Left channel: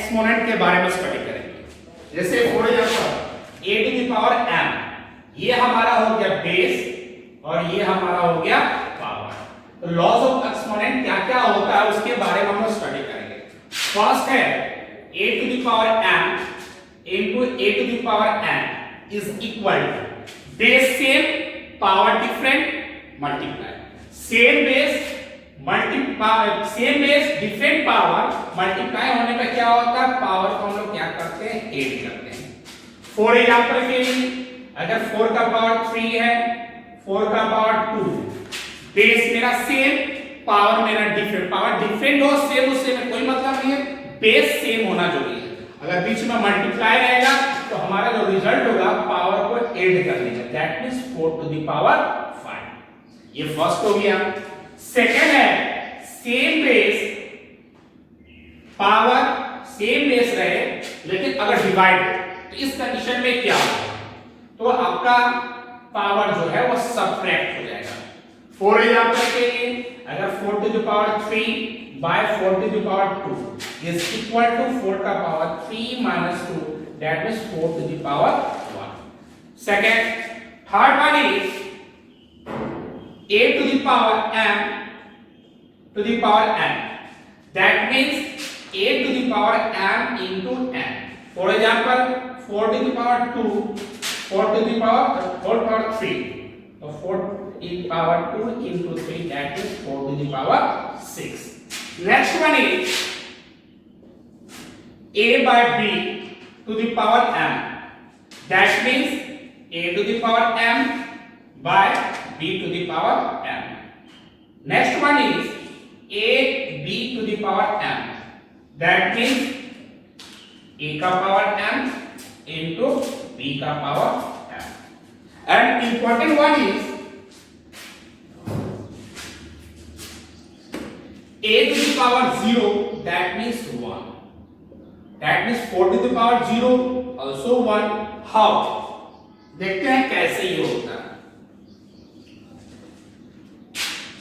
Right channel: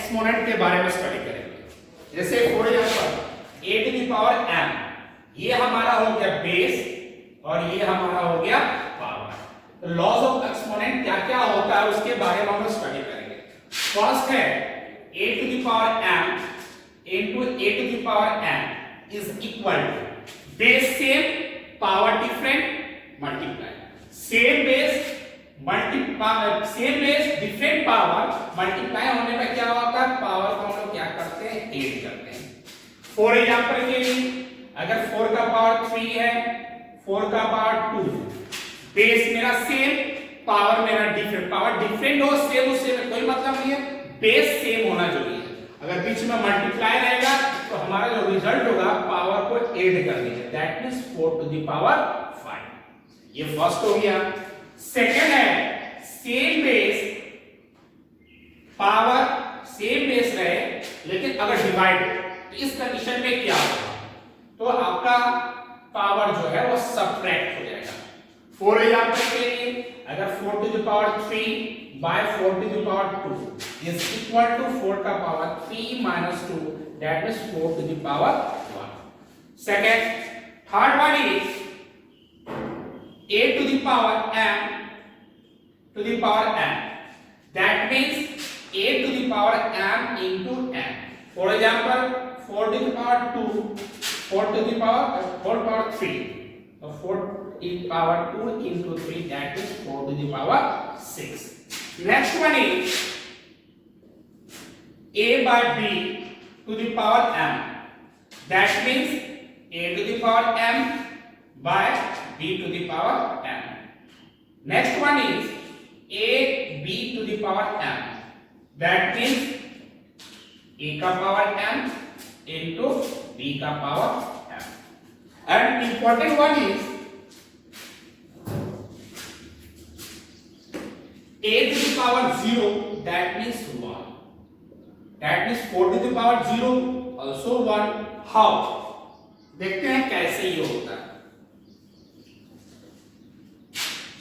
Exponent के बारे में स्टडी करेंगे। जैसे for example a to the power m, ये हमारा हो गया बेस और ये हमारा हो गया पावर। तो लॉज ऑफ एक्सपोनेंट क्या क्या होता है उसके बारे में हम स्टडी करेंगे। फर्स्ट है a to the power m into a to the power n is equal to base same power different multiply same base different power multiply होने पे क्या होता है, पावर को हम लोग क्या करते हैं, ऐड करते हैं। फॉर एग्जांपल के लिए अगर 4 का पावर 3 है, 4 का पावर 2, बेस मेरा सेम, पावर मेरा डिफरेंट। पावर डिफरेंट हो सेम उससे में कोई मतलब नहीं है, बेस सेम होना जरूरी है। अगर बीच में मल्टीप्लाई रहेगा तो हमारा जो रिजल्ट होगा पावर को ऐड कर देगा, that means 4 to the power 5। ये फर्स्ट हो गया। सेकंड है same base, power same base रहे लेकिन अगर डिवाइड, तो इस कंडीशन में क्या होगा, तो आपका पावर जो है वो सब्ट्रैक्ट हो जाएगा। फॉर एग्जांपल के लिए अगर 4 to the power 3 by 4 to the power 2 is equal to 4 का power 3 minus 2, that is 4 to the power 1. Second, third one is a to the power m to the power n, that means a to the power m into n. For example, 4 to the power 2, 4 to the power 3, so 4 to the power 2 into 3, that is 4 to the power 6. Next one is a by b to the power m, that means a to the power m by b to the power m. Next one is a b to the power m, that means a का power m into b का power m. And important one is a to the power 0, that means 1, that means 4 to the power 0 also 1. How? देखते हैं कैसे ये होता है।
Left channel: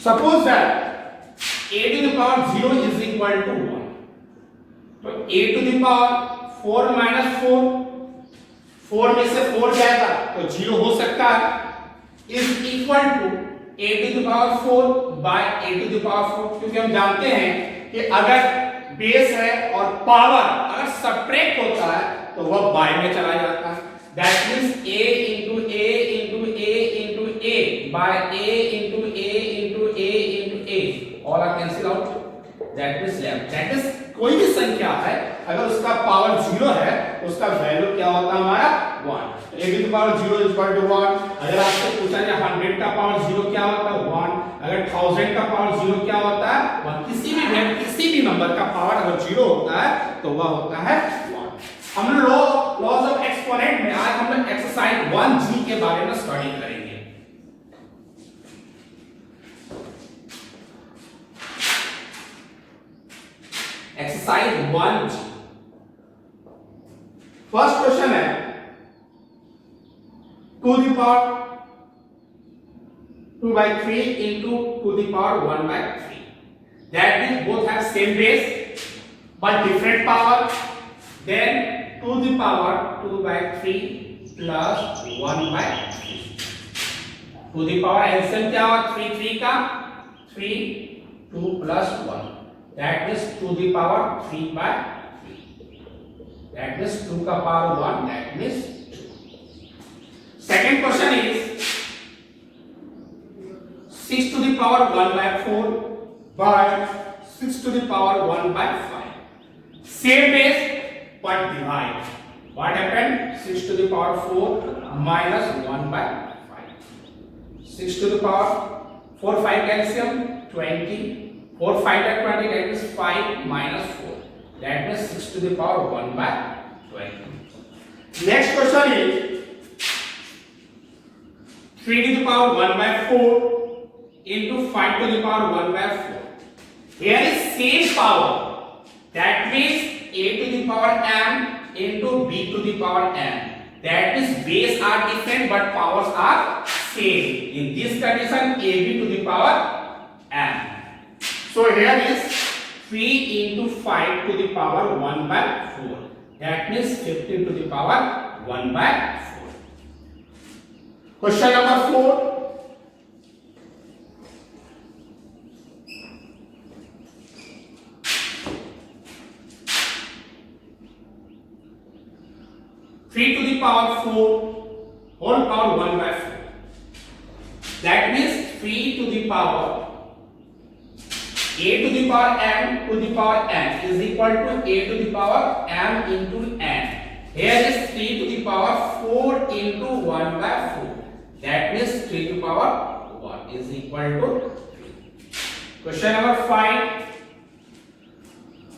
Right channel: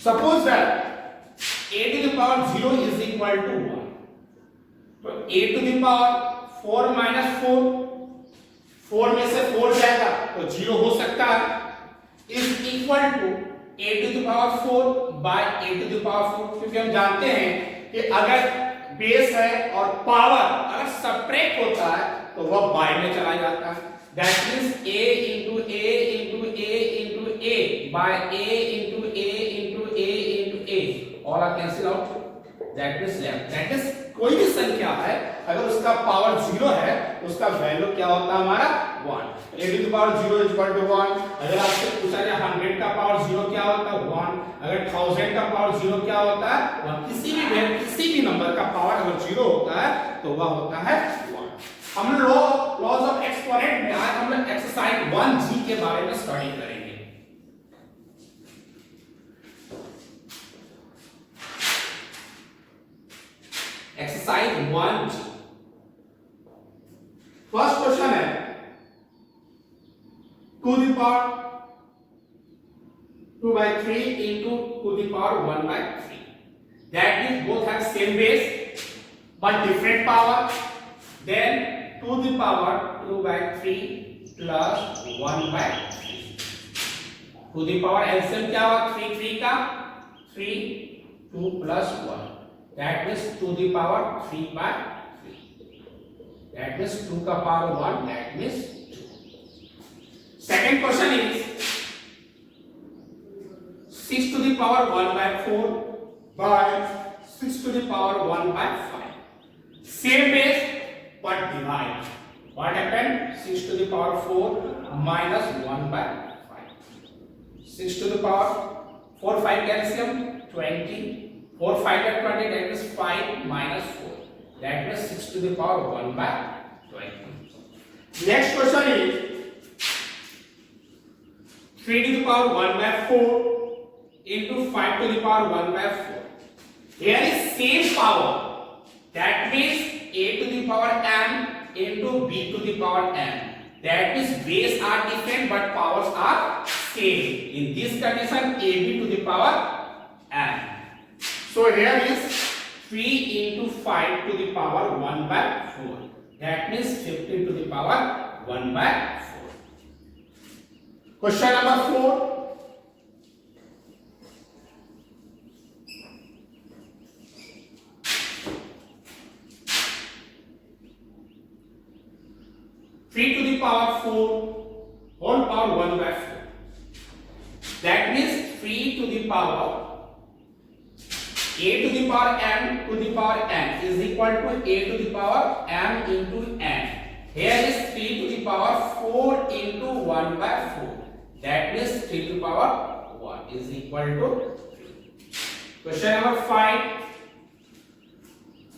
Suppose that a to the power 0 is equal to 1, तो a to the power 4 minus 4, 4 में से 4 जाएगा तो 0 हो सकता है, is equal to a to the power 4 by a to the power 4, क्योंकि हम जानते हैं कि अगर बेस है और पावर अगर सब्ट्रैक्ट होता है तो वह बाय में चला जाता है, that means a into a into a into a by a into a into a into a, all are cancel out, that means left, that is कोई भी संख्या है अगर उसका पावर 0 है तो उसका वैल्यू क्या होता है हमारा 1। a to the power 0 is equal to 1। अगर आपसे पूछा जाए 100 का पावर 0 क्या होता है 1, अगर 1000 का पावर 0 क्या होता है 1। किसी भी नंबर का पावर अगर 0 होता है तो वह होता है 1। हम लॉज ऑफ एक्सपोनेंट में आज हम लोग एक्सरसाइज 1G के बारे में स्टडी करेंगे। एक्सरसाइज 1G, फर्स्ट क्वेश्चन है 2 to the power 2 by 3 into 2 to the power 1 by 3, that means both have same base but different power, then 2 to the power 2 by 3 plus 1 by 3, 2 to the power LCM क्या हुआ 3 3 का 3, 2 plus 1, that means 2 to the power 3 by 3, that means 2 का power 1, that means 2. Second question is 6 to the power 1 by 4 by 6 to the power 1 by 5, same base but divide. What happened? 6 to the power 4 minus 1 by 5, 6 to the power 4 5 calcium 20, 4 5 by 20, that is 5 minus 4, that means 6 to the power 1 by 20. Next question is 3 to the power 1 by 4 into 5 to the power 1 by 4. Here is same power, that means a to the power m into b to the power n, that means base are different but powers are same. In this condition ab to the power m. So here is 3 into 5 to the power 1 by 4. That means 15 to the power 1 by 4. Question number 4. Three to the power 4 whole power 1 by 4. That means 3 to the power a to the power m to the power n is equal to a to the power m into n. Here is 3 to the power 4 into 1 by 4. That means 3 to the power 1 is equal to 3. Question number 5.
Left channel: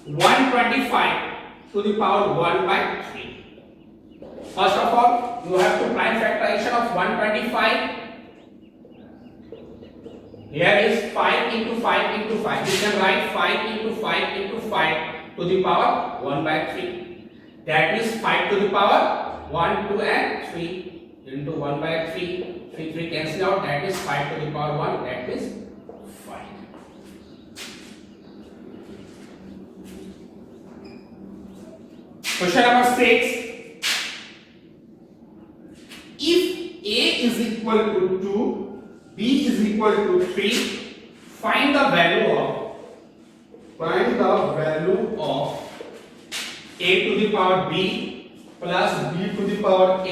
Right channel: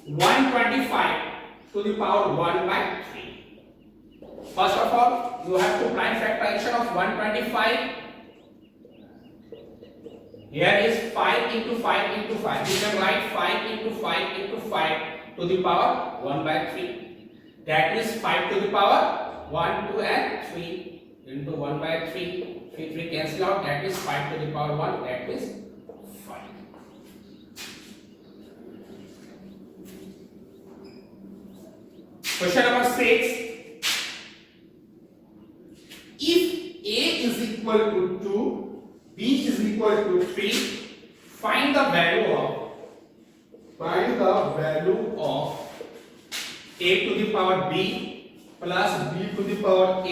125 to the power 1 by 3. First of all, you have to prime factorization of 125. Here is 5 into 5 into 5. You can write 5 into 5 into 5 to the power 1 by 3. That means 5 to the power 1, 2 and 3 into 1 by 3. 3 cancel out. That is 5 to the power 1. That is 5. Question number 6. If A is equal to 2, B is equal to 3, find the value of A to the power B plus B to the power A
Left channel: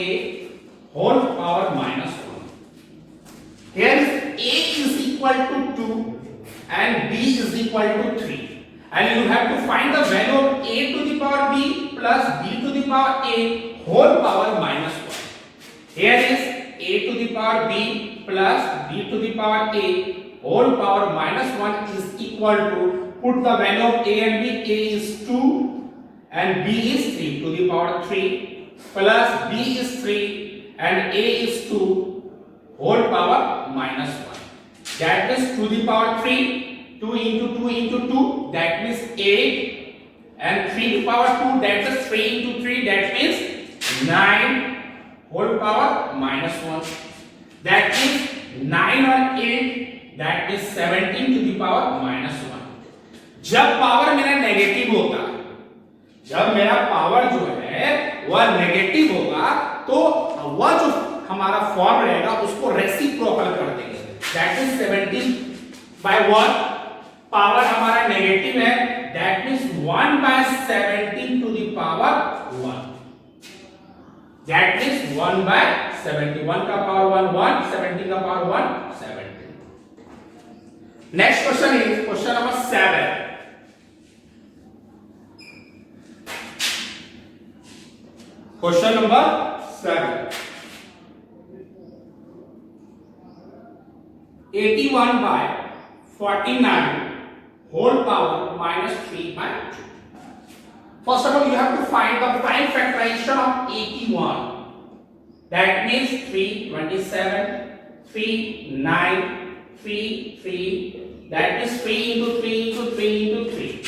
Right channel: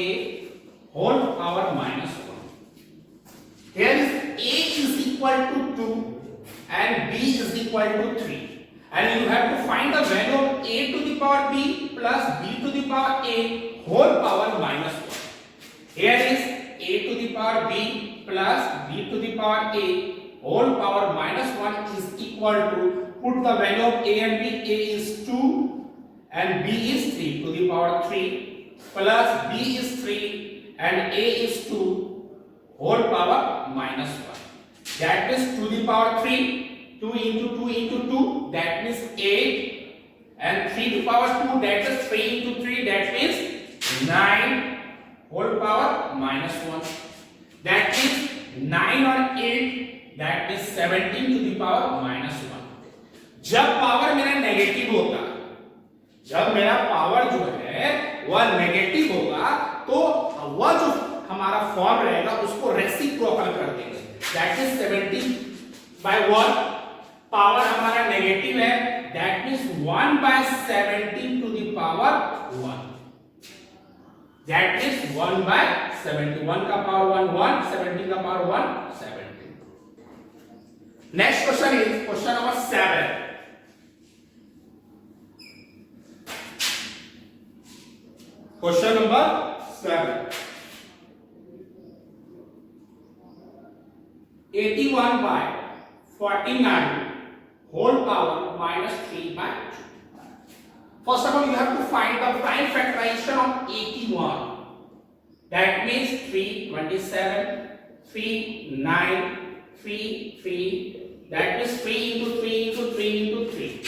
whole power minus 1. Here is A is equal to 2 and B is equal to 3, and you have to find the value of A to the power B plus B to the power A whole power minus 1. Here is A to the power B plus B to the power A whole power minus 1 is equal to, put the value of A and B. A is 2 and B is 3 to the power 3 plus B is 3 and A is 2 whole power minus 1. That means to the power 3, 2 into 2 into 2, that means 8, and 3 to the power 2, that is 3 into 3, that means 9 whole power minus 1. That means 9 और 8, that means 17 to the power minus 1. जब power मेरा negative होगा, जब मेरा power जो है वह negative होगा, तो वह जो हमारा फॉर्म रहेगा उसको रेसिप्रोकल कर देंगे. That is 17 by 1. पावर हमारा नेगेटिव है, that means 1 by 17 to the power 1. That means 1 by 71 का power 1 1, 17 का power 1 17. Next question is question number 7. Question number 7. 81 by 49 whole power minus 3 by 2. First of all, you have to find the prime factorization of 81. That means 3, 27, 3, 9, 3, 3. That is 3 into 3 into 3 into 3.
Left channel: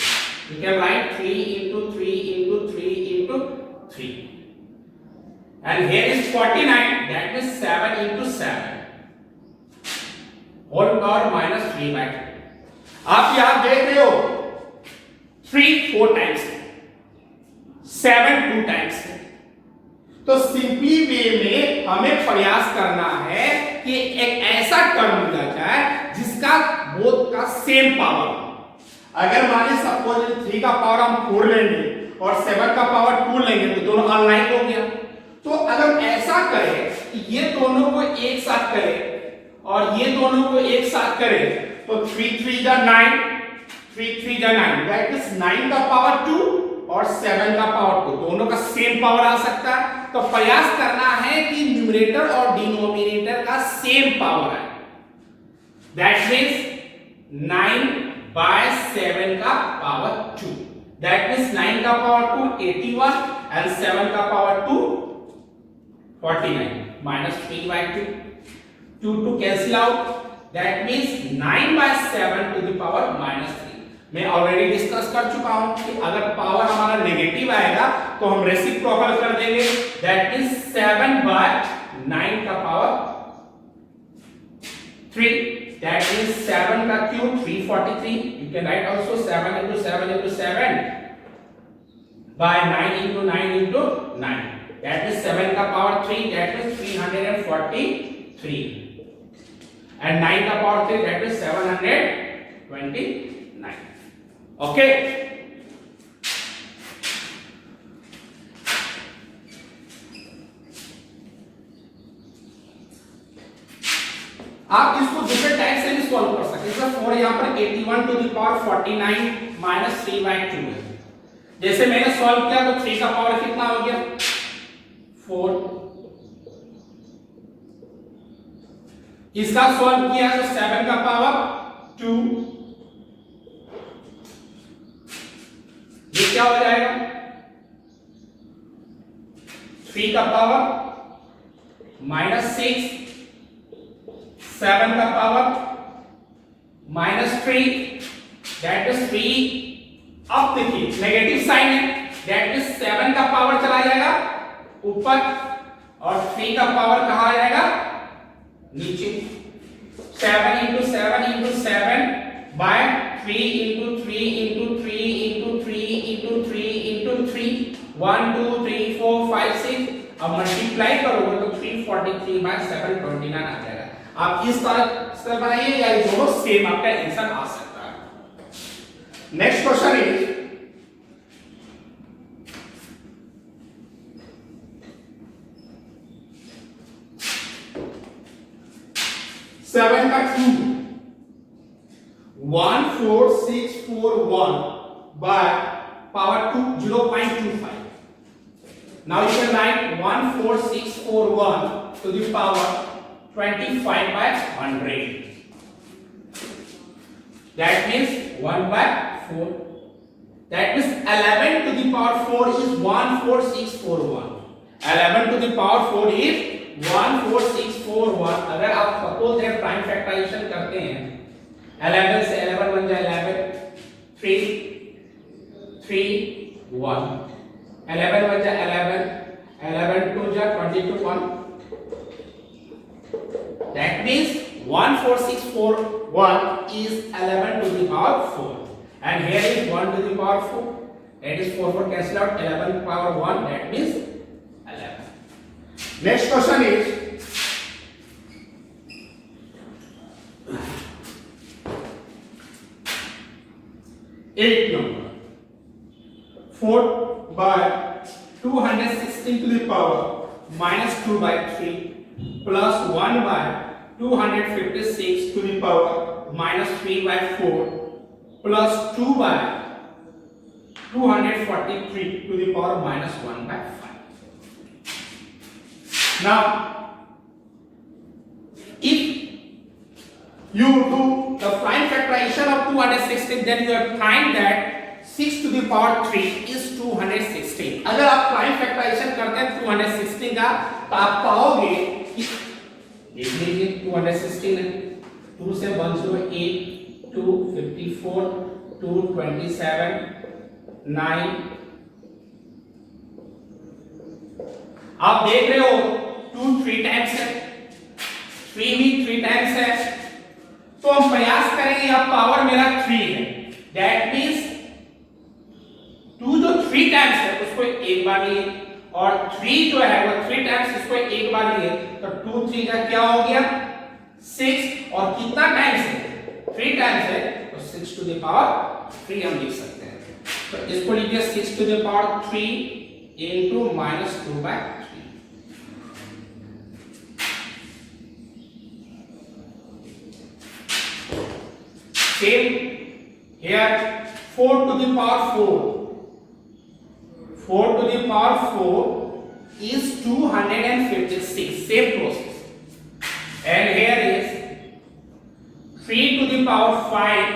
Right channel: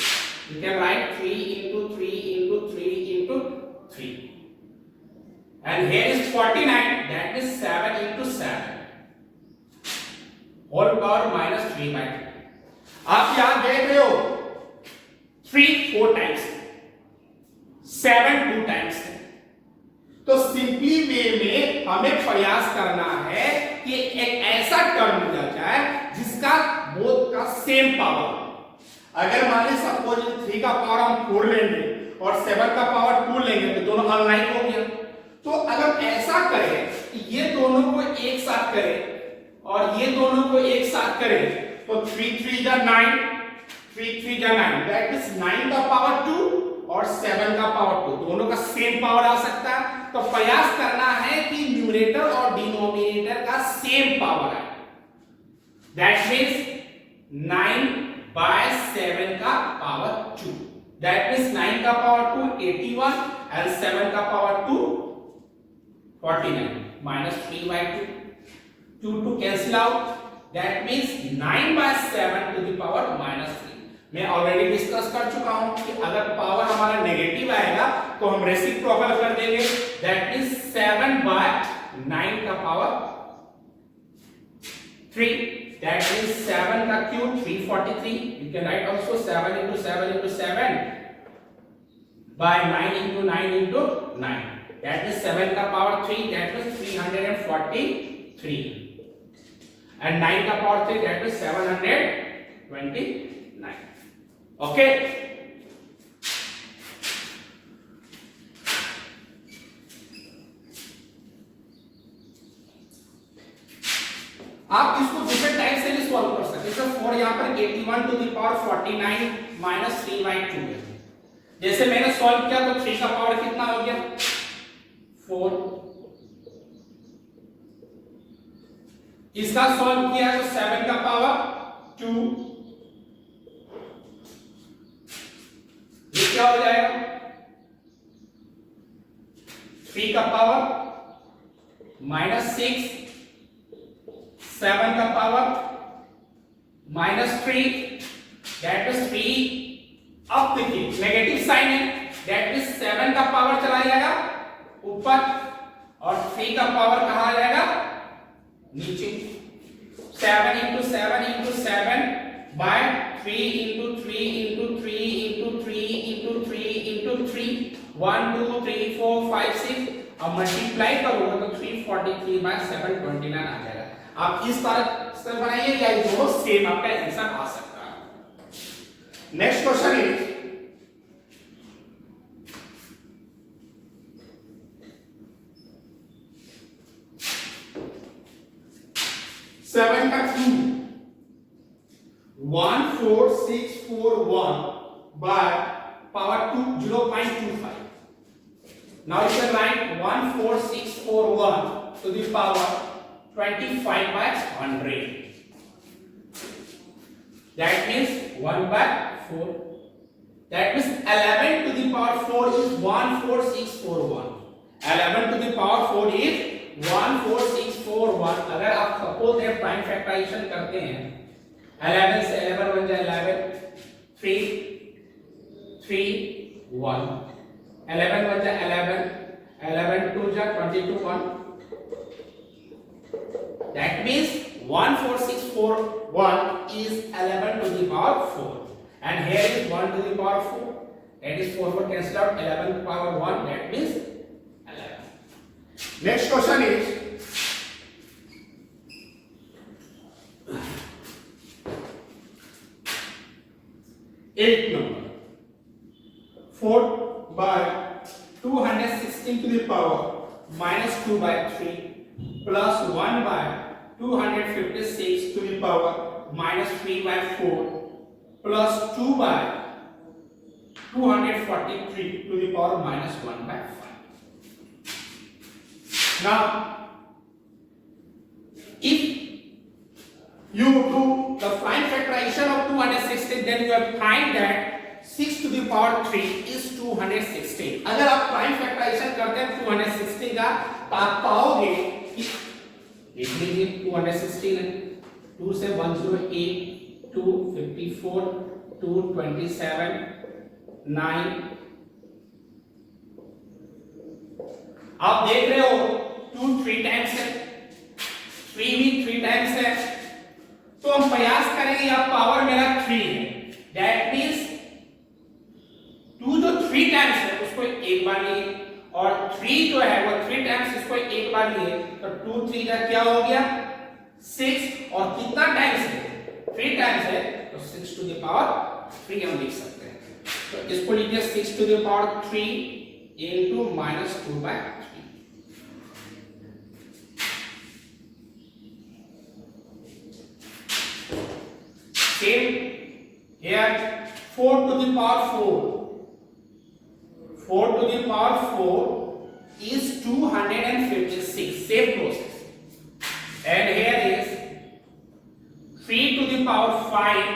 You can write 3 into 3 into 3 into 3. And here is 49. That means 7 into 7. Whole power minus 3 by 2. आप याद देख रहे हो, 3 4 times, 7 2 times. तो simply वे में हमें प्रयास करना है कि एक ऐसा टर्म मिला जाए जिसका बोथ का सेम पावर. अगर मान लीजिए सपोज 3 का पावर हम 4 लेंगे और 7 का पावर 2 लेंगे तो दोनों अनलाइन हो गया. तो अगर ऐसा करें कि ये दोनों को एक साथ करें और ये दोनों को एक साथ करें तो 3 3 जा 9, 3 3 जा 9, दैट इज 9 का पावर 2 और 7 का पावर 2, दोनों का सेम पावर आ सकता है. तो प्रयास करना है कि न्यूमरेटर और डिनोमिनेटर का सेम पावर है. दैट मींस 9 by 7 का पावर 2, दैट मींस 9 का पावर 2 81 and 7 का power 2 49 minus 3 by 2, 2 to cancel out. That means 9 by 7 to the power minus 3. मैं ऑलरेडी डिस्कस कर चुका हूं कि अगर पावर हमारा नेगेटिव आएगा तो हम रेसिप्रोकल कर देंगे. दैट मींस 7 by 9 का पावर 3 that means 7 का cube 343. You can write also 7 into 7 into 7 by 9 into 9 into 9. That means 7 का power 3, that means 343. And 9 का power 3, that means 729. Okay. आप इसको दूसरे टाइप से भी सॉल्व कर सकते हैं। 4 यहाँ पर 81 टू द पावर 49 माइनस 3/2 है। जैसे मैंने सॉल्व किया तो 3 का पावर कितना हो गया 4। इसका सॉल्व किया तो 7 का पावर 2। ये क्या हो जाएगा 3 का पावर -6, 7 का पावर -3, दैट इज 3। अब देखिए नेगेटिव साइन है, दैट मींस 7 का पावर चला जाएगा ऊपर और 3 का पावर कहां आ जाएगा नीचे। 7 into 7 into 7 by 3 into 3 into 3 into 3 into 3 into 3 1 2 3 4 5 6। अब मल्टीप्लाई करोगे तो 343 by 729 आ जाएगा। आप इस तरह से बनाइए या दोनों सेम आपका आंसर आ सकता है। नेक्स्ट क्वेश्चन इज 7 का cube 14641 by power 2 0.25. Now you can write 14641 to the power 25 by 100. That means 1 by 4. That means 11 to the power 4 is 14641. 11 to the power 4 is 14641। अगर आप सपोज दैट प्राइम फैक्टराइजेशन करते हैं 11 से 11 बन जाए 11 3 3 1 11 बन जाए 11 11 2 जा 22 1। That means 14641 is 11 to the power 4 and here is 1 to the power 4, that is 4 4 cancel out, 11 to the power 1, that means 11. Next question is 8 number 4 by 216 to the power -2 by 3 plus 1 by 256 to the power -3 by 4 plus 2 by 243 to the power -1 by 5. Now if you do the prime factorization of 216 then you have find that 6 to the power 3 is 216। अगर आप prime factorisation करते हैं 216 का तो आप पाओगे, देख लीजिए 216 है 2 से 108 254 227 9। आप देख रहे हो 2 3 टाइम्स है 3 भी 3 टाइम्स है तो हम प्रयास करेंगे अब पावर मेरा 3 है, दैट मींस 2 जो 3 टाइम्स है उसको एक बार लिए और 3 जो है वो 3 टाइम्स इसको एक बार लिए तो 2 3 का क्या हो गया 6 और कितना टाइम्स है 3 टाइम्स है तो 6 to the power 3 हम लिख सकते हैं। तो इसको लिखिए 6 to the power 3 into -2 by 3। Same here 4 to the power 4 4 to the power 4 is 256, same process, and here is 3 to the power 5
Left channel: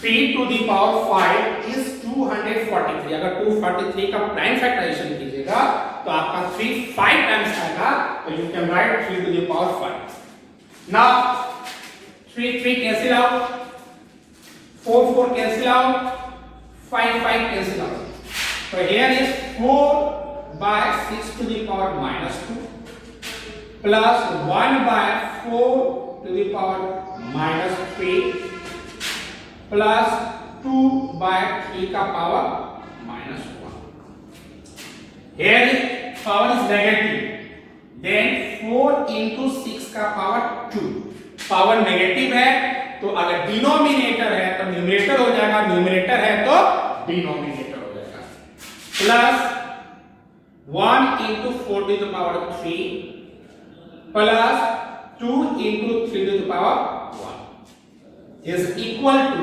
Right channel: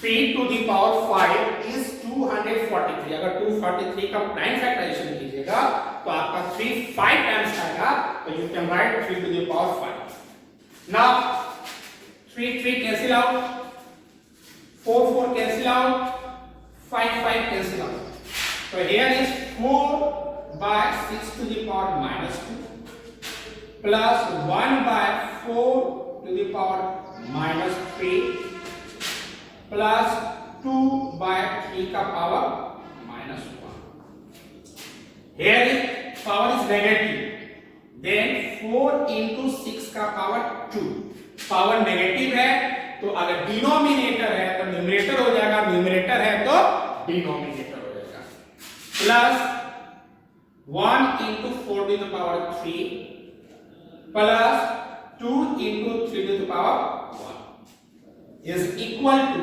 3 to the power 5 is 243। अगर 243 का प्राइम फैक्टराइजेशन कीजिएगा तो आपका 3 5 टाइम्स आएगा तो you can write 3 to the power 5। Now 3 3 cancel out 4 4 cancel out 5 5 cancel out, so here is 4 by 6 to the power -2 plus 1 by 4 to the power minus 3 plus 2 by 3 का power minus 1. Here is power is negative. Then 4 into 6 का power 2. Power negative है तो अगर denominator है तो numerator हो जाएगा, numerator है तो डिनोमिनेटर हो जाएगा. Plus 1 into 4 to the power 3 plus 2 into 3 to the power 1 is equal to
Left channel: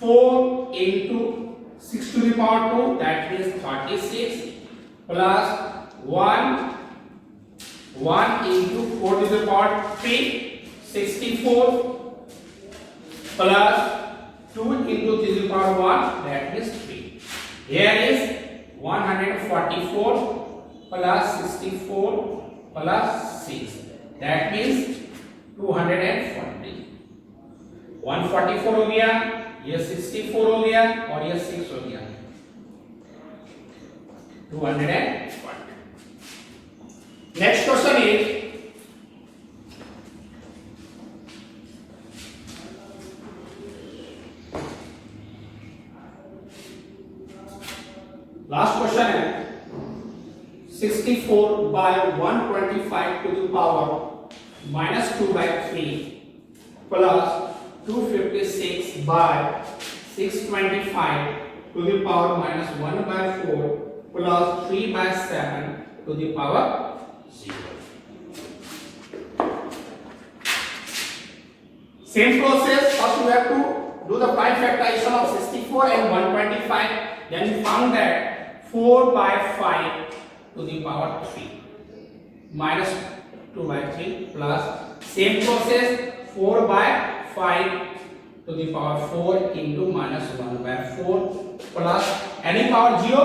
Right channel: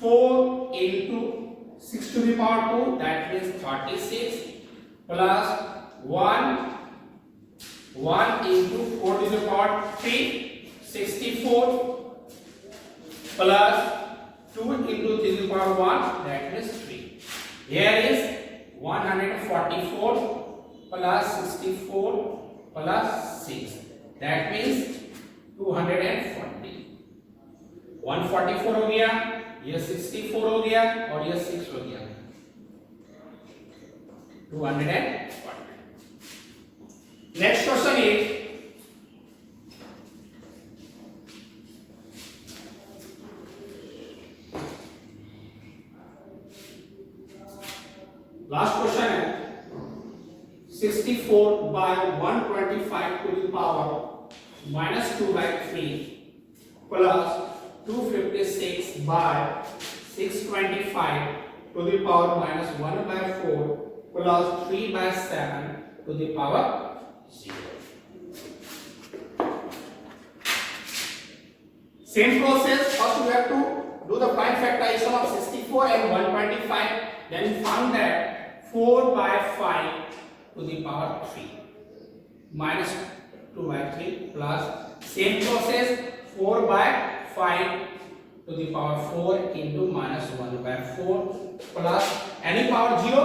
4 into 6 to the power 2, that means 36 plus 1 into 4 to the power 3, 64 plus 2 into 3 to the power 1, that is 3. Here is 144 plus 64 plus 6, that means 240. 144 हो गया, ये 64 हो गया और ये 6 हो गया, 240. Next question is last question है 64 by 125 to the power minus 2 by 3 plus 256 by 625 to the power minus 1 by 4 plus 3 by 7 to the power 0. Same process. First we have to do the prime factorization of 64 and 125. Then we found that 4 by 5 to the power 3 minus 2 by 3 plus same process 4 by 5 to the power 4 into minus 1 by 4 plus any power 0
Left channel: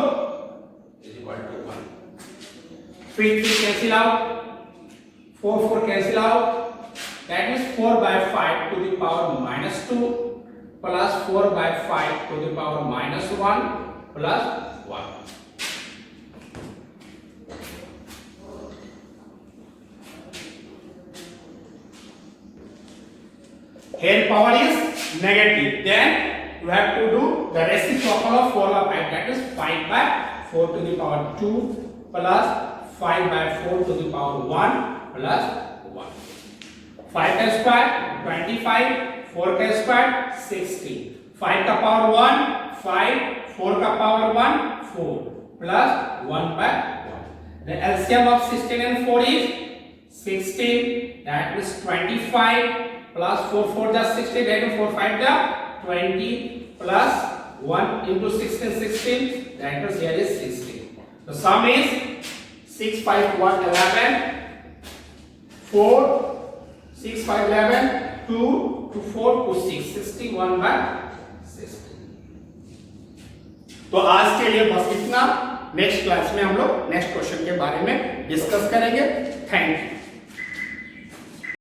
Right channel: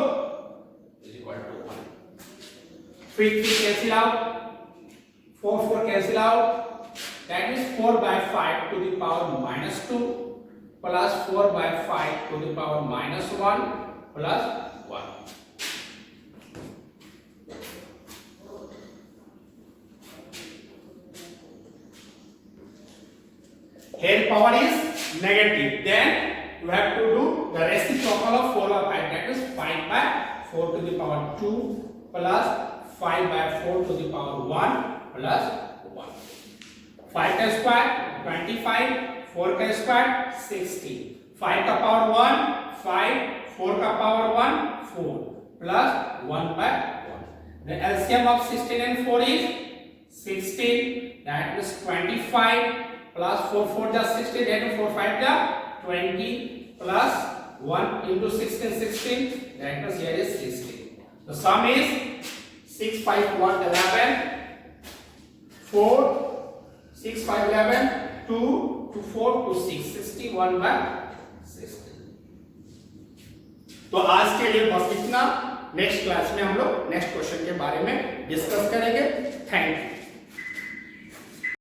is equal to 1. 3 cancel out, 4 cancel out, that is 4 by 5 to the power minus 2 plus 4 by 5 to the power minus 1 plus 1. Here power is negative, then you have to do the reciprocal of 4 by 5, that is 5 by 4 to the power 2 plus 5 by 4 to the power 1 plus 1. 5 का square 25, 4 का square 60, 5 का power 1 5, 4 का power 1 4 plus 1 by 1. The LCM of 16 and 4 is 16, that is 25 plus 4 4 just 60, that is 4 5 the 20 plus 1 into 16 16, that is here is 60. The sum is 6 5 1 11 4 6 5 11 2 to 4 to 6 61 by 60. तो आज के लिए बस इतना. नेक्स्ट क्लास में हम लोग नेक्स्ट क्वेश्चन के बारे में डिस्कस करेंगे. Thank you.